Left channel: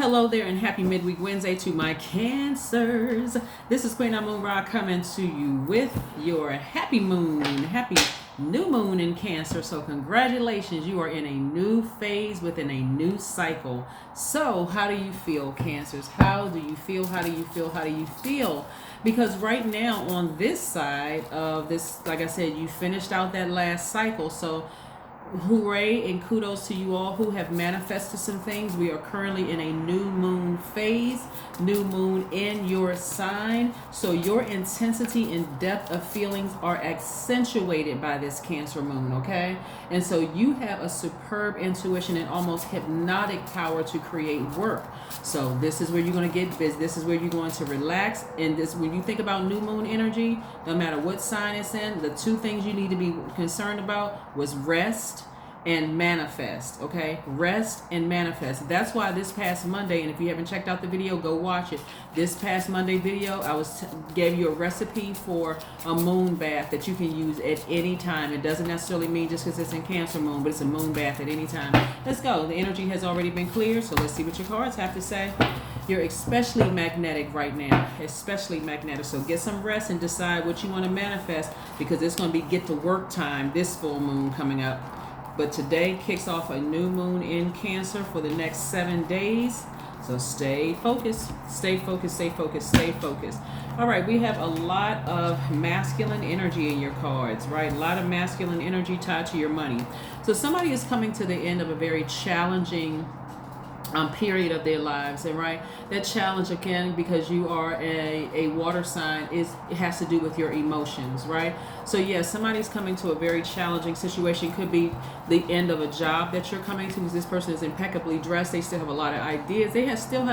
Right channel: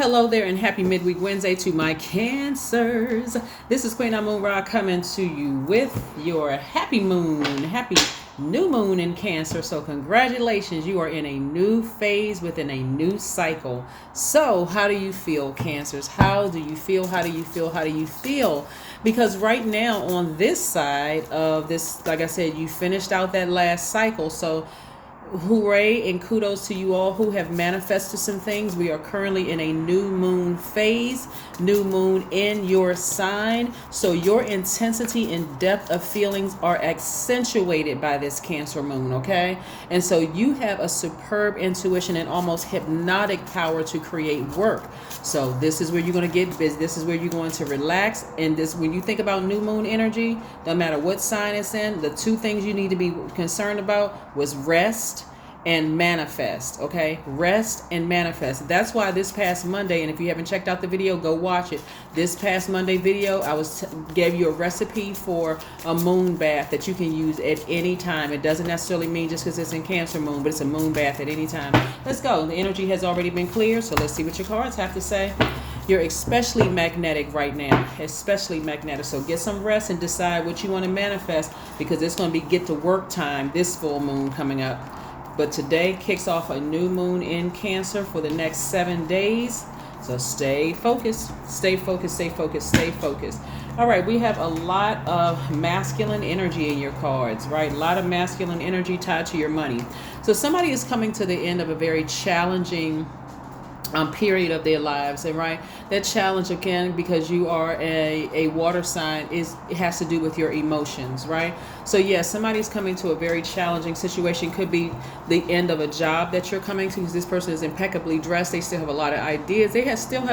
Hello there and happy midweek Wednesday to my Cancers. This is Queen Amun Ra coming to you with your happy new moon in Cancer. So congratulations, you are in a new phase within a new cycle. So how do you feel, Cancers? How do you feel? How do you feel? How do you feel? Because right now on this side of this, like I said, you finished out that last cycle. So hooray and kudos to you all who have manifested some things. We are currently in a new moon phase, new moon in your sign. So your intensity and depth of feelings are accentuated by this Cancer moon, okay? And so you have a superb intuition and almost hypnotic power to create work. So this is where you're going to get busy. This is where you're going to relax. And this, when you think about new moon energy, no matter what sign it's in, the two things you need to be concerned about was rest and manifest. Okay, rest and manifest. That's why this past Monday, and if you haven't checked out the video, go watch it. This past Monday video, I gave you a recipe for a moon bath that you can use at any time. It doesn't necessarily mean just because it's in Cancer moon, but it's a moon bath at any time. Let's go. The energy has already been cleared, so let's see what your cards have to say. You're especially magnetic right now, especially magnetic. So get some rest and decide what you want to manifest, because it's going to be get to work time this full moon coming up. But today kicks off a new moon in Cancer for the next 7 days. So stay focused, stay focused, stay focused, stay focused. All right, we have a lot of masculine energy in your cards, right? A lot of masculine energy tied to your money. So somebody is coming to the end of a very challenging period of their lives, and right, that challenge again, because you are a water sign, it has to do with your emotions, right? So yes, somebody's coming to a very challenging situation. Could be the end of a job that you're coming to, because this person is impeccably dressed. They still have a lot of ideas. They still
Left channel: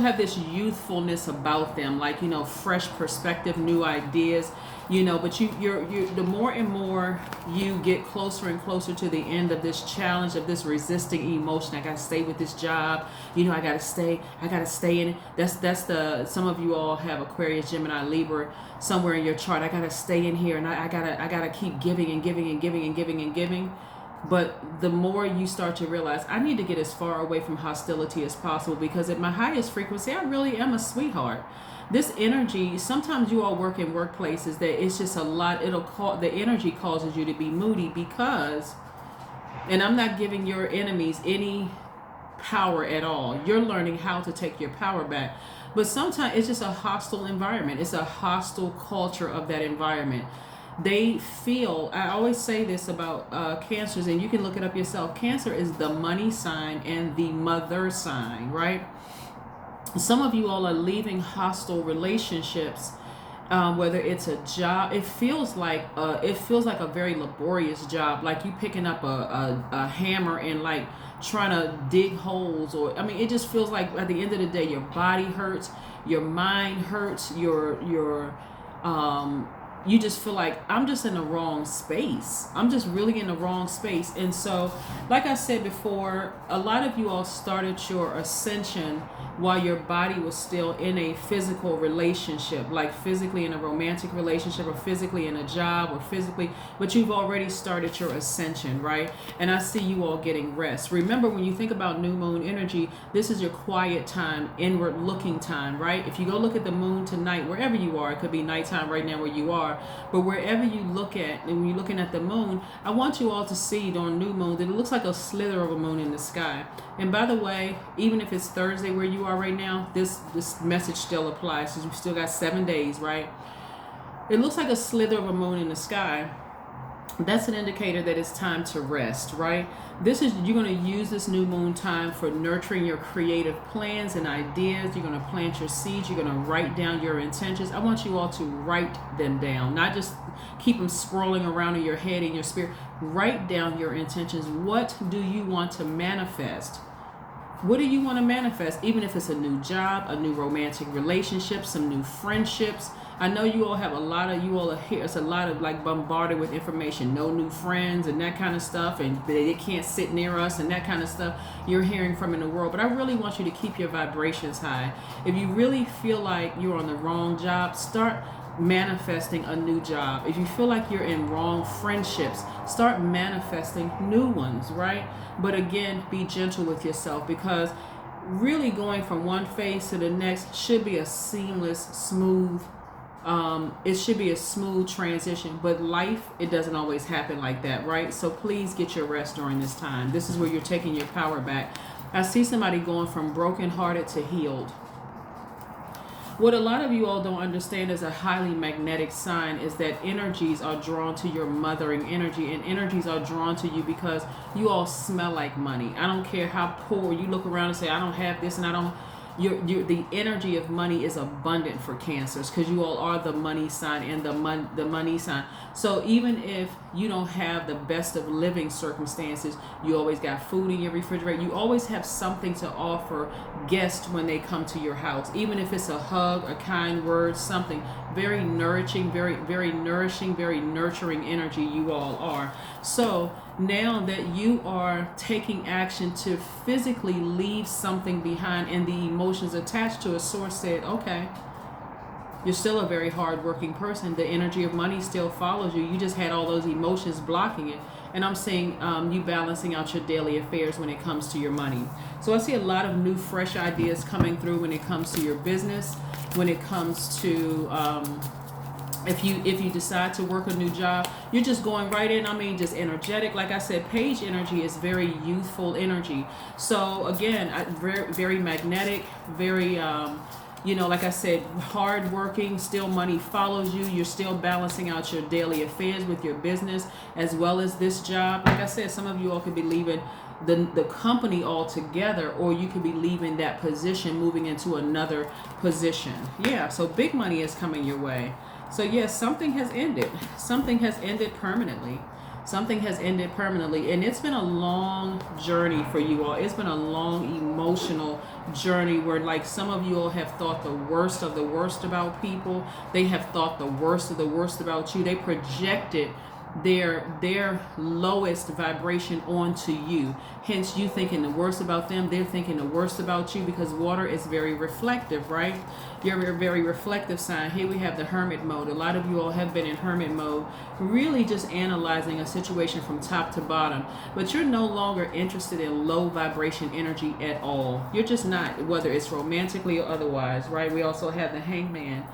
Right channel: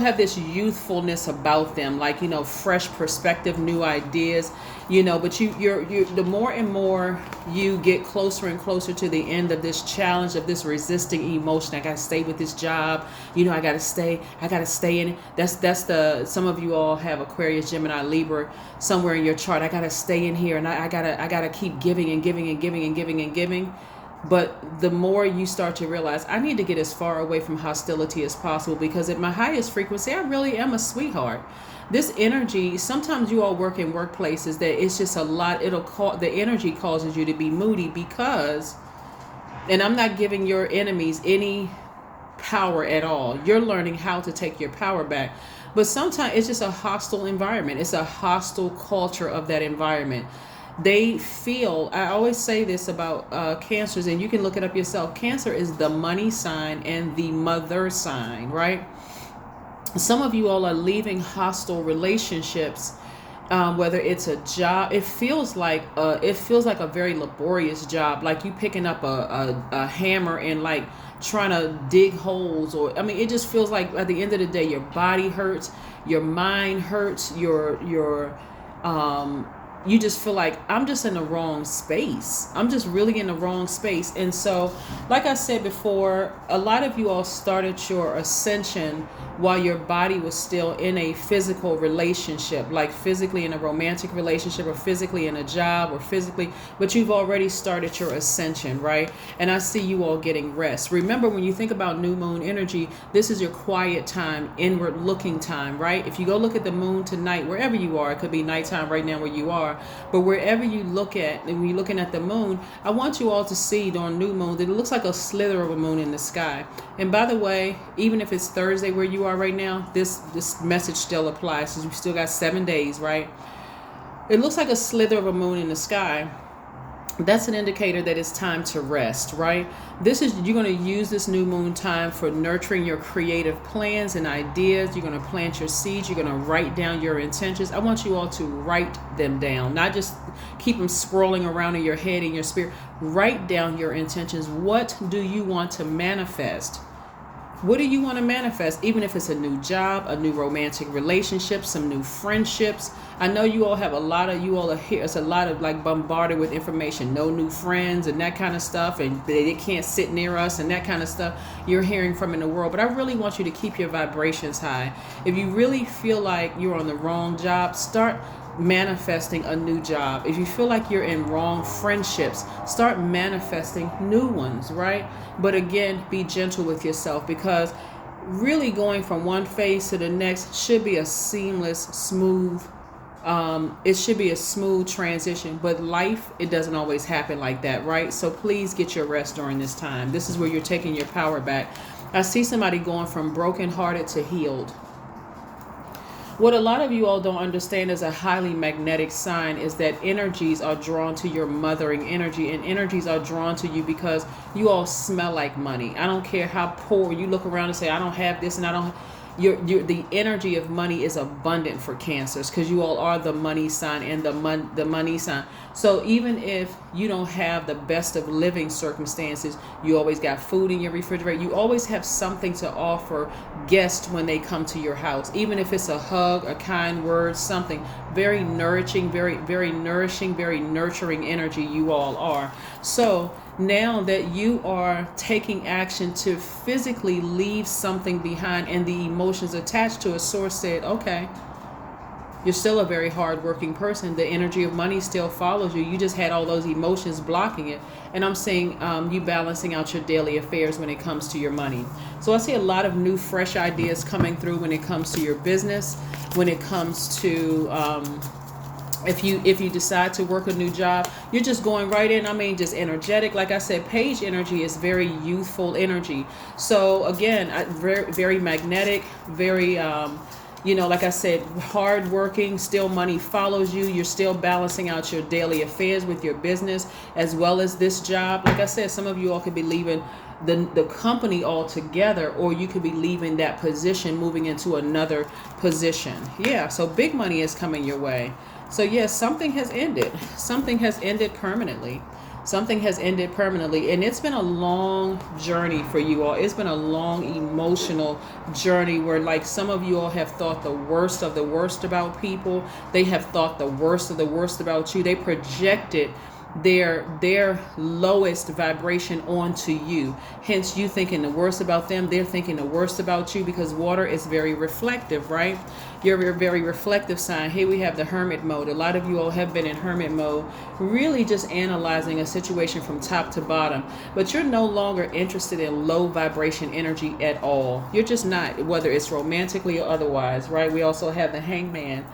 have this youthfulness about them, like, you know, fresh perspective, new ideas, you know. But you're the more and more you get closer and closer to the end of this challenge, of this resisting emotion. I gotta stay with this job, you know, I gotta stay in it. That's the, some of you all have Aquarius, Gemini, Libra somewhere in your chart. I gotta stay in here, and I gotta keep giving and giving and giving and giving and giving. But the more you start to realize, I need to get as far away from hostility as possible, because at my highest frequency, I really am a sweetheart. This energy, sometimes you all work in workplaces that it's just a lot. The energy causes you to be moody because, and I'm not giving your enemies any power at all. You're learning how to take your power back. But sometimes it's just a hostile environment. It's a hostile culture of that environment. They feel, I always say this about Cancers, and you can look it up yourself. Cancer is the money sign and the mother sign, right? Some of you all are leaving hostile relationships, whether it's a job. It feels like a very laborious job, like you picking up a hammer and like trying to dig holes, or I mean, it just feels like at the end of the day, your body hurts, your mind hurts, you just feel like, I'm just in the wrong space. I'm just really in the wrong space. And so, like I said before, a lot of you all started your ascension while your body was still in a physical relationship, like physically in a romantic relationship, or physically in a job, or physically, but you've already started your ascension, right? And I see you all getting rest. Remember, when you think about new moon energy, this is your quiet time, inward looking time, right? If you go look at the moon tonight, wherever you are, it could be nighttime right now where you are, but wherever you look at, and when you're looking at the moon, I want you all to see during new moon that it looks like a slither of a moon in the sky. And by the way, even if it's Thursday where you are right now, this message still applies, because we still got 7 days, right? It looks like a slither of a moon in the sky. That's an indicator that it's time to rest, right? You're going to use this new moon time for nurturing your creative plans and ideas. You're going to plant your seeds. You're going to write down your intentions. I want you all to write them down, not just keep them swirling around in your head and your spirit. Write down your intentions. What do you want to manifest? What do you want to manifest? Even if it's a new job, a new romantic relationship, some new friendships. I know you all have you all are here. It's a lot of like bombarded with information, no new friends and that kind of stuff, and they can't sit near us and that kind of stuff you're hearing from in the world. But I really want you to keep your vibrations high. If you really feel like you're on the wrong job, start manifesting a new job. If you feel like you're in wrong friendships, start manifesting new ones, right? But again, be gentle with yourself, because really going from one phase to the next should be a seamless, smooth, it should be a smooth transition, but life, it doesn't always happen like that, right? So please get your rest during this time. This is where you're taking your power back. I see somebody going from brokenhearted to healed. What a lot of you all don't understand is a highly magnetic sign is that energies are drawn to your mothering energy, and energies are drawn to you because you all smell like money. I don't care how poor you look around and say, I don't have this and I don't. The energy of money is abundant for Cancers because you all are the money sign and the money sign. So even if you don't have the best of living circumstances, you always got food in your refrigerator. You always have something to offer guests when they come to your house, even if it's a hug, a kind word, something very nourishing, very nourishing, very nurturing energy. You all are. So now that you are taking action to physically leave something behind and the emotions attached to a source said, okay, you're still a very hardworking person. The energy of money still follows you. You just had all those emotions blocking it. And I'm saying you balancing out your daily affairs when it comes to your money. So I see a lot of new, fresh ideas coming through when it comes to your business, when it comes to if you decide to work a new job, you're just going right in. I mean, just energetic. Like I said, page energy is very youthful energy. So again, very magnetic, very like I said, hard working. Still money follows you. You're still balancing out your daily affairs with your business as well as this job. Like I said, some of you all could be leaving the company altogether, or you could be leaving that position, moving into another position. Yeah, so big money is coming your way. So yes, something has ended. Something has ended permanently. Something has ended permanently. And it's been a long journey for you all. It's been a long emotional journey where, like, some of you all have thought the worst of the worst about people. They have thought the worst of the worst about you. They projected their lowest vibration onto you, hence you thinking the worst about them. They're thinking the worst about you, because water is very reflective, right? You're a very reflective sign. Here we have the hermit mode. A lot of you all have been in hermit mode, really just analyzing a situation from top to bottom, but you're no longer interested in low vibration energy at all. You're just not, whether it's romantically or otherwise, right? We also have the hangman.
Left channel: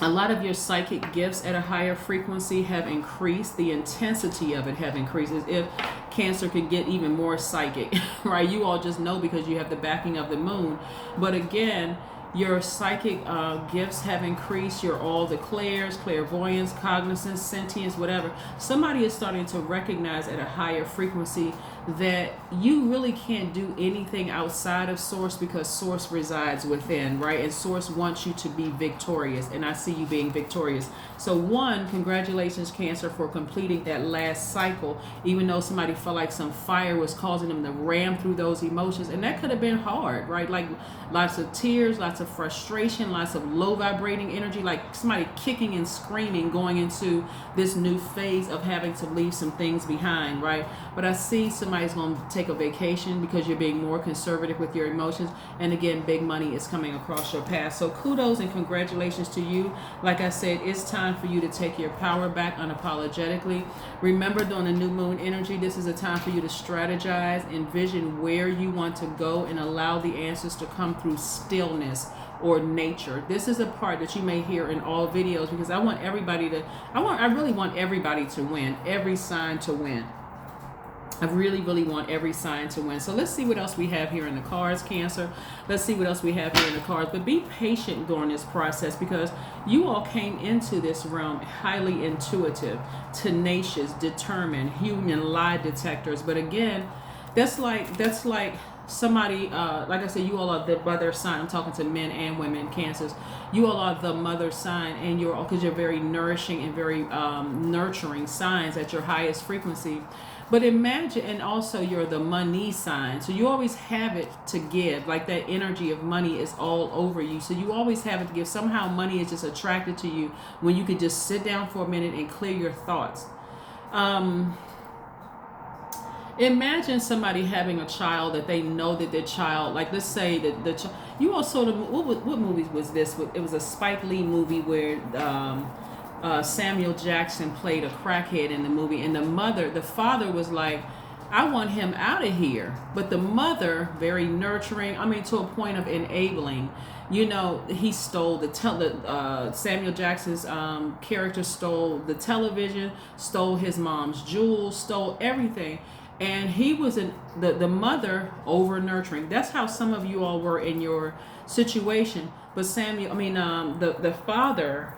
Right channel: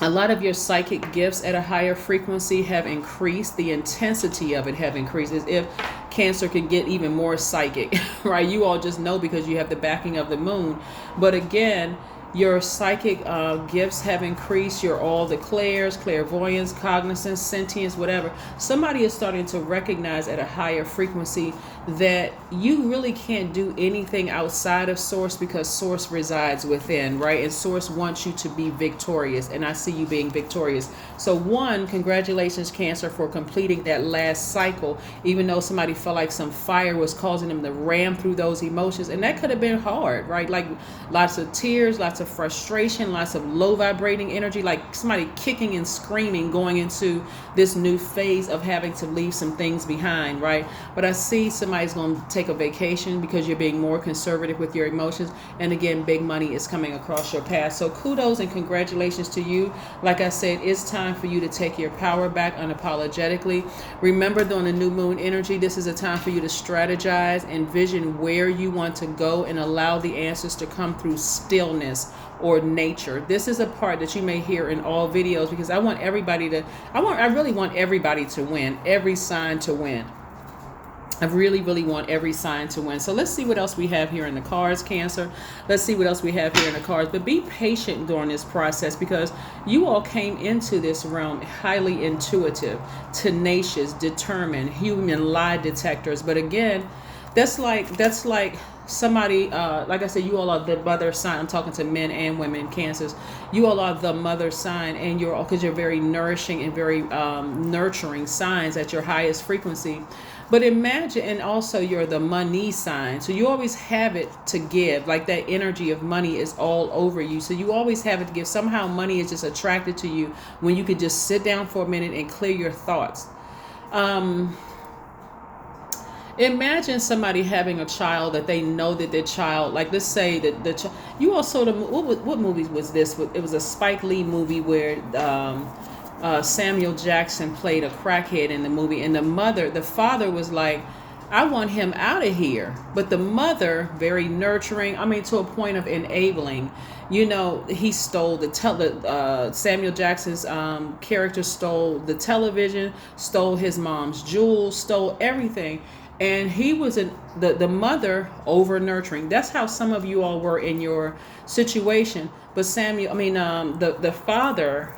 A lot of your psychic gifts at a higher frequency have increased. The intensity of it have increased, as if Cancer can get even more psychic, right? You all just know because you have the backing of the moon. But again, your psychic gifts have increased. You're all the clairs, clairvoyance, cognizance, sentience, whatever. Somebody is starting to recognize at a higher frequency that you really can't do anything outside of Source, because Source resides within, right? And Source wants you to be victorious, and I see you being victorious. So one, congratulations, Cancer, for completing that last cycle, even though somebody felt like some fire was causing them to ram through those emotions, and that could have been hard, right? Like lots of tears, lots of frustration, lots of low vibrating energy, like somebody kicking and screaming going into this new phase of having to leave some things behind, right? But I see somebody's going to take a vacation because you're being more conservative with your emotions. And again, big money is coming across your path. So kudos and congratulations to you. Like I said, it's time for you to take your power back unapologetically. Remember, during the new moon energy, this is a time for you to strategize, envision where you want to go, and allow the answers to come through stillness or nature. This is a part that you may hear in all videos, because I want everybody to, I really want everybody to win, every sign to win. I really, really want every sign to win. So let's see what else we have here in the cards, Cancer. Let's see what else we have here in the cards. But be patient during this process, because you all came into this realm highly intuitive, tenacious, determined, human lie detectors. But again, that's like somebody, like I said, you all are the mother sign. I'm talking to men and women, Cancers. You all are the mother sign, and you're all, because you're very nourishing and very nurturing signs at your highest frequency. But imagine, and also you're the money sign. So you always have it to give. Like that energy of money is all over you. So you always have it to give. Somehow money is just attracted to you when you could just sit down for a minute and clear your thoughts. Imagine somebody having a child that they know that their child, like let's say that the child, you all saw what movie was this? It was a Spike Lee movie where Samuel Jackson played a crackhead in the movie, and the father was like, I want him out of here. But the mother, very nurturing, I mean, to a point of enabling. You know, he stole Samuel Jackson's character stole the television, stole his mom's jewels, stole everything. And he was the mother over nurturing. That's how some of you all were in your situation. But the father,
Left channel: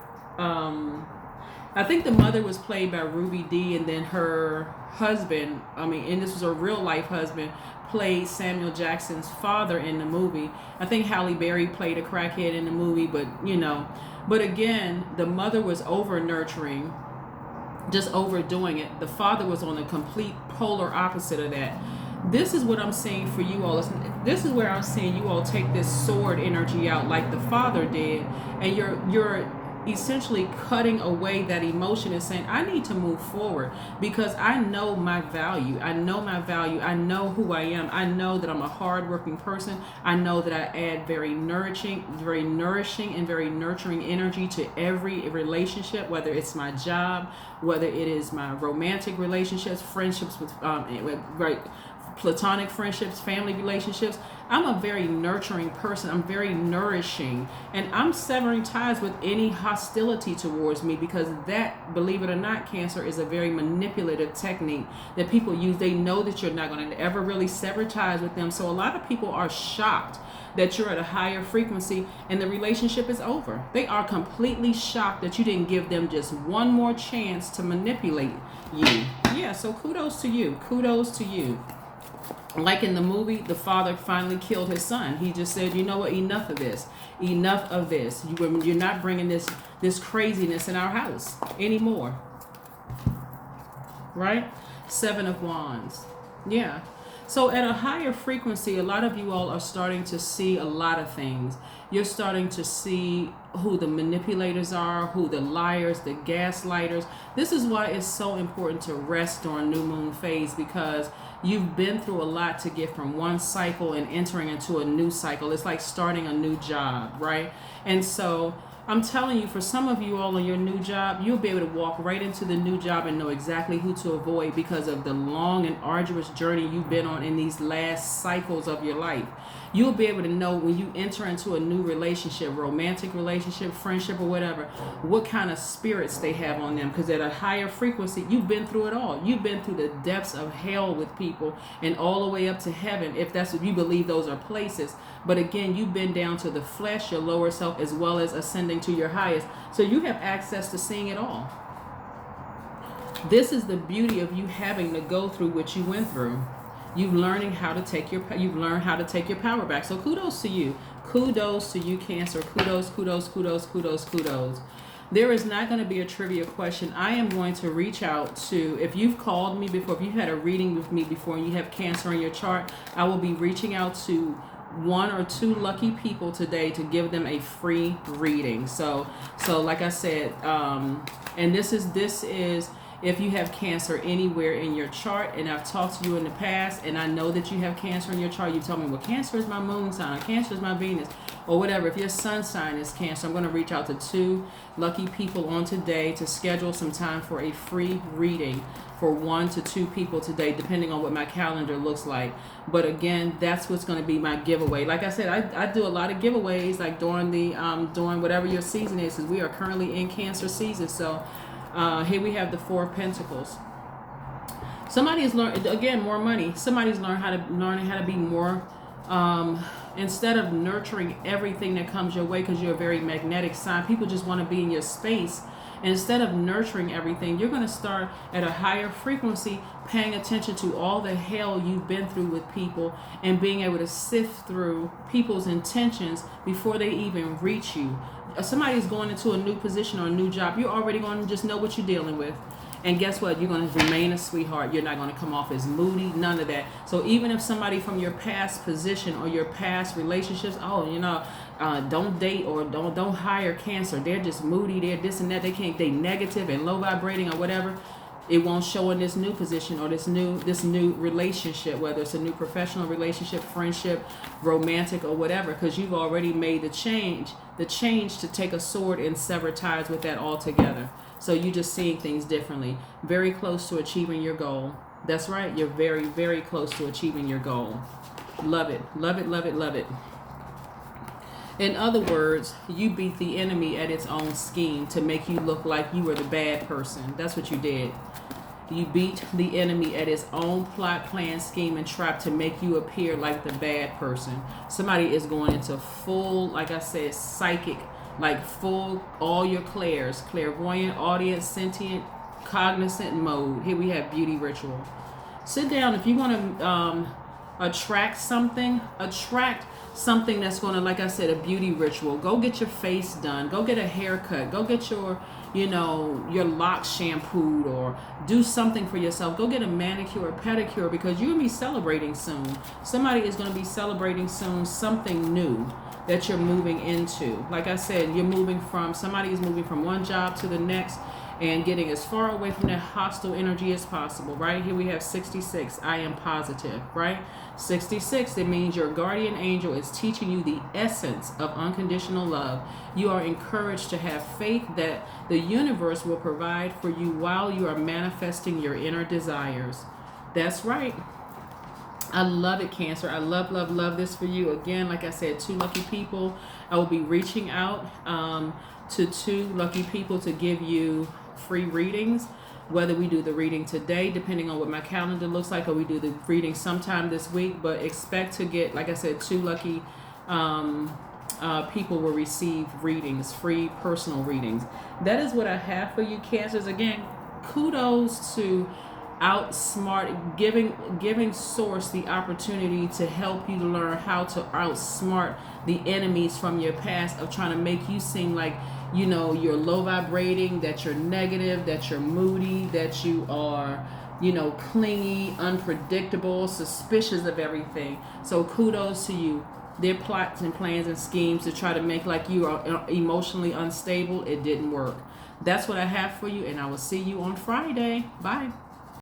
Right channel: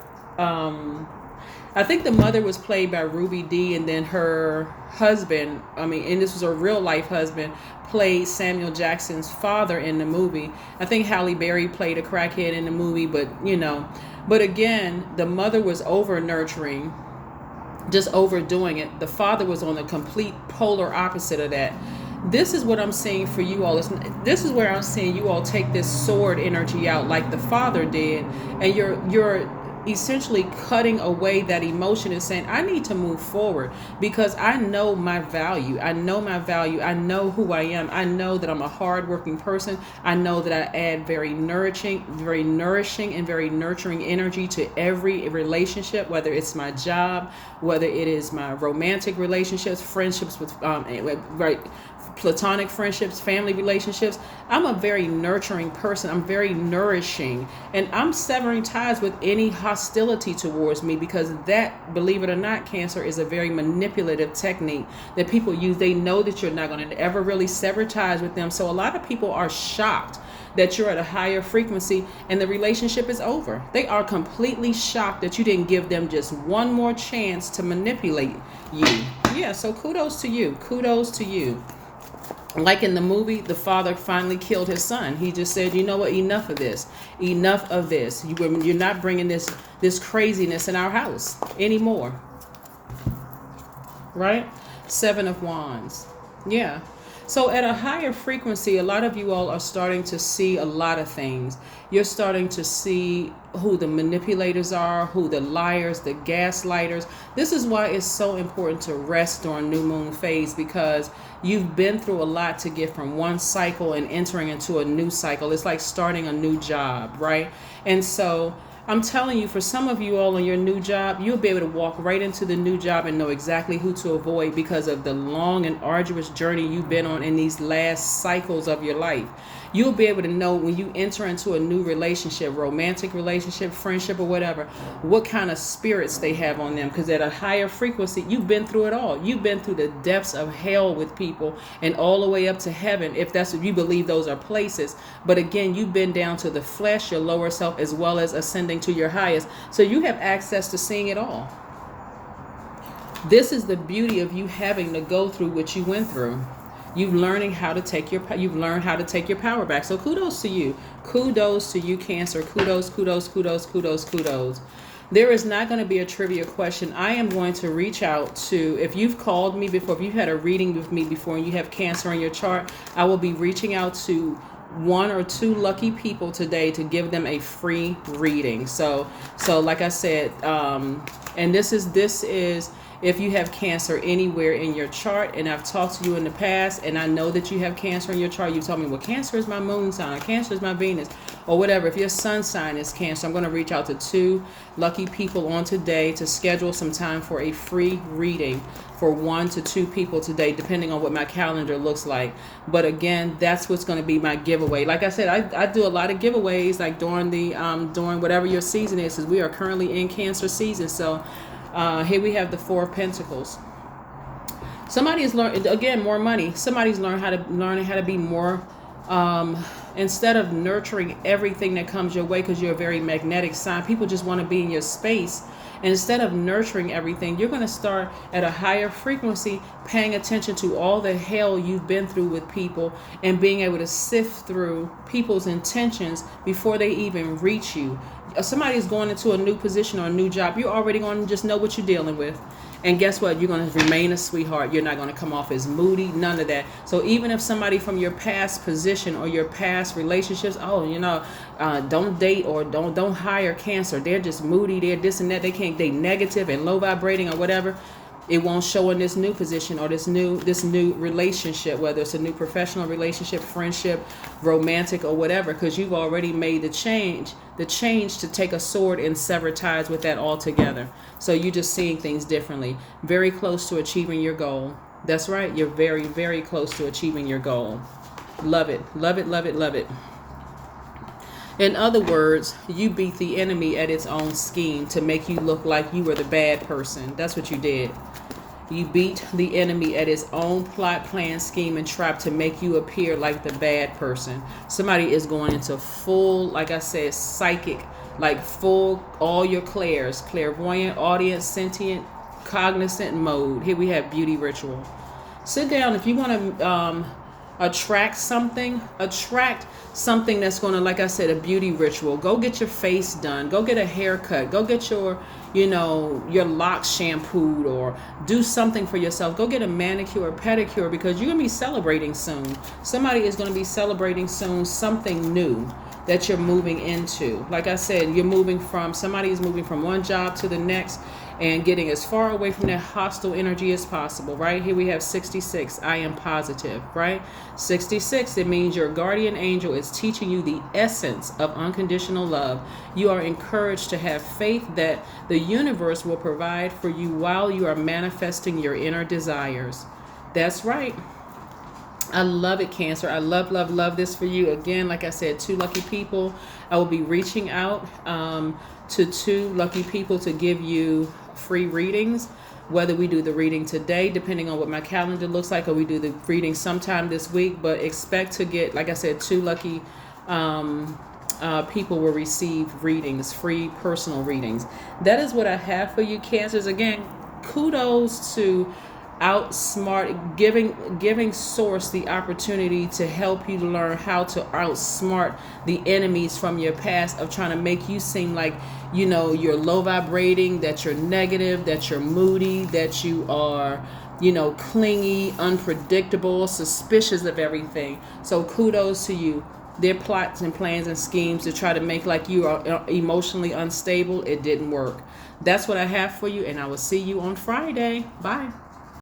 I think the mother was played by Ruby Dee, and then her husband, and this was her real life husband, played Samuel Jackson's father in the movie. I think Halle Berry played a crackhead in the movie, but again, the mother was over nurturing, just overdoing it. The father was on the complete polar opposite of that. This is what I'm saying for you all. This is where I'm saying you all take this sword energy out like the father did, and you're essentially cutting away that emotion and saying, I need to move forward because I know my value. I know my value. I know who I am. I know that I'm a hardworking person. I know that I add very nourishing and very nurturing energy to every relationship, whether it's my job, whether it is my romantic relationships, friendships with platonic friendships, family relationships. I'm a very nurturing person. I'm very nourishing, and I'm severing ties with any hostility towards me, because that, believe it or not, Cancer, is a very manipulative technique that people use. They know that you're not going to ever really sever ties with them. So a lot of people are shocked that you're at a higher frequency and the relationship is over. They are completely shocked that you didn't give them just one more chance to manipulate you. Yeah, so kudos to you. Kudos to you. Like in the movie, the father finally killed his son. He just said, you know what, enough of this. Enough of this. You're not bringing this craziness in our house anymore. Right? 7 of Wands. Yeah. So at a higher frequency, a lot of you all are starting to see a lot of things. You're starting to see who the manipulators are, who the liars, the gaslighters. This is why it's so important to rest during new moon phase, because you've been through a lot to get from one cycle and entering into a new cycle. It's like starting a new job, right? And so I'm telling you, for some of you all on your new job, you'll be able to walk right into the new job and know exactly who to avoid because of the long and arduous journey you've been on in these last cycles of your life. You'll be able to know when you enter into a new relationship, romantic relationship, friendship, or whatever, what kind of spirits they have on them. Because at a higher frequency, you've been through it all. You've been through the depths of hell with people and all the way up to heaven, if that's what you believe those are places. But again, you've been down to the flesh, your lower self, as well as ascending to your highest. So you have access to seeing it all. This is the beauty of you having to go through what you went through. You've learned how to take your power back. So kudos to you. Kudos to you, Cancer. Kudos, kudos, kudos, kudos, kudos. There is not going to be a trivia question. I am going to reach out to, if you've called me before, if you've had a reading with me before and you have Cancer in your chart, I will be reaching out to 1 or 2 lucky people today to give them a free reading. So like I said, and this is if you have Cancer anywhere in your chart, and I've talked to you in the past, and I know that you have Cancer in your chart, you told me, well, Cancer is my moon sign, Cancer is my Venus, or whatever. If your sun sign is Cancer, I'm going to reach out to 2 lucky people on today to schedule some time for a free reading for 1 to 2 people today, depending on what my calendar looks like. But again, that's what's going to be my giveaway. Like I said, I do a lot of giveaways, like during during whatever your season is, because we are currently in Cancer season. So here we have the 4 of Pentacles. Somebody is learning, again, more money. Somebody's learning how to be more, instead of nurturing everything that comes your way, because you're a very magnetic sign. People just want to be in your space. Instead of nurturing everything, you're going to start at a higher frequency, paying attention to all the hell you've been through with people and being able to sift through people's intentions before they even reach you. Somebody's going into a new position or a new job. You're already going to just know what you're dealing with. And guess what? You're going to remain a sweetheart. You're not going to come off as moody, none of that. So even if somebody from your past position or your past relationships, don't date or don't hire Cancer. They're just moody. They're this and that. They negative and low vibrating or whatever. It won't show in this new position or this new relationship, whether it's a new professional relationship, friendship, romantic, or whatever, because you've already made the change to take a sword and sever ties with that altogether. So you're just seeing things differently. Very close to achieving your goal. That's right. You're very, very close to achieving your goal. Love it. Love it. Love it. Love it. In other words, you beat the enemy at its own scheme to make you look like you were the bad person. That's what you did. You beat the enemy at his own plot, plan, scheme, and trap to make you appear like the bad person. Somebody is going into full, like I said, psychic, like full, all your clairs, clairvoyant, audience, sentient, cognizant mode. Here we have beauty ritual. Sit down if you want to attract something that's going to, like I said, a beauty ritual. Go get your face done. Go get a haircut. Go get your locks shampooed, or do something for yourself. Go get a manicure or pedicure, because you're going to be celebrating soon. Somebody is going to be celebrating soon something new that you're moving into. Like I said, somebody is moving from one job to the next and getting as far away from that hostile energy as possible, right? Here we have 66. I am positive, right? 66, it means your guardian angel is teaching you the essence of unconditional love. You are encouraged to have faith that the universe will provide for you while you are manifesting your inner desires. That's right. I love it, Cancer. I love, love, love this for you. Again, like I said, 2 lucky people. I will be reaching out to 2 lucky people to give you free readings, whether we do the reading today, depending on what my calendar looks like, or we do the reading sometime this week. But expect to get, like I said, 2 lucky people will receive readings, free personal readings. That is what I have for you, Cancers. Again, kudos to giving source the opportunity to help you to learn how to outsmart the enemies from your past of trying to make you seem like you're low vibrating, that you're negative, that you're moody, that you are clingy, unpredictable, suspicious of everything. So kudos to you. Their plots and plans and schemes to try to make like you are emotionally unstable, it didn't work. That's what I have for you, and I will see you on Friday. Bye.